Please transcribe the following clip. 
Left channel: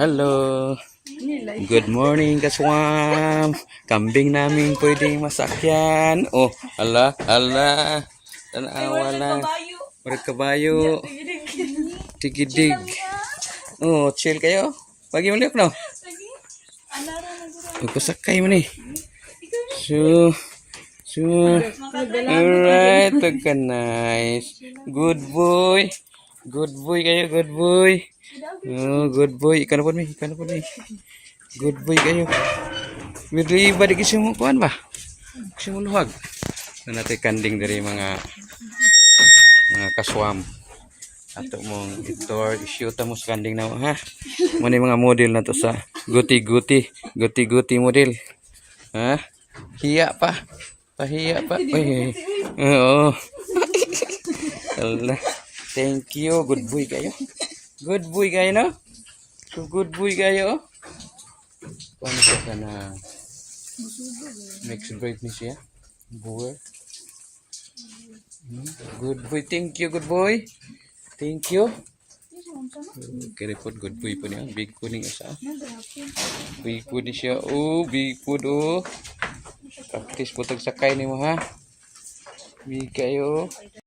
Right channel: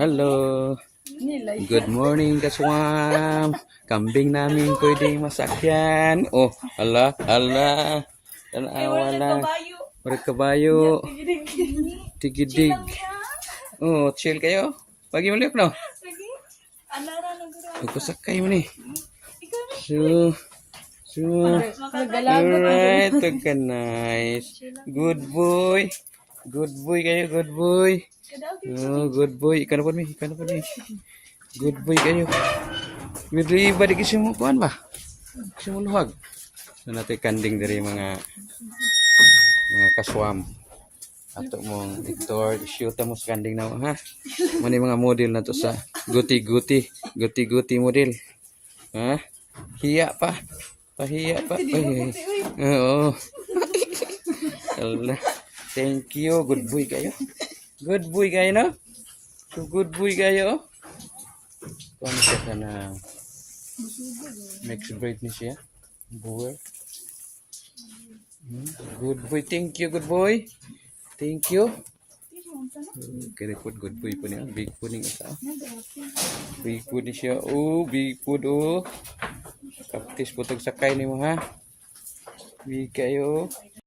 Hello. Good morning, kaswam. Kambing namin pwedeng masakyan. Oh, ala. Wala. Berkabayo. Tigidig. Oh, chill kayo. Bagi maliok no. Kusakay mo ni. So, alright, okay, nice. Good boy. Good boy kayo, good boy. Oh, good boy. Ikan apa ni? Good boy kayo. Bili ba di kisimo kuan ba? Kisimo luwag. Nanate kanding dari mga kaswam. Ato mong itor, shoot mo sa kanding na ha. Muna mga model na to sa guti-guti model. Ha? Hiya pa. Pahiya pa. Ay. Oo. Allah. Thank you. Good boy kayo. Good boy kayo, no? So good boy kayo. Paano ka na mixed breed ni siya? Boy. Good boy. Thank you, good boy. Thank you. Kira po good boy po niya. Big po niya siya. Big po niya siya. Oh, big po do. Practice po sakay ni mo ha. Big kayo.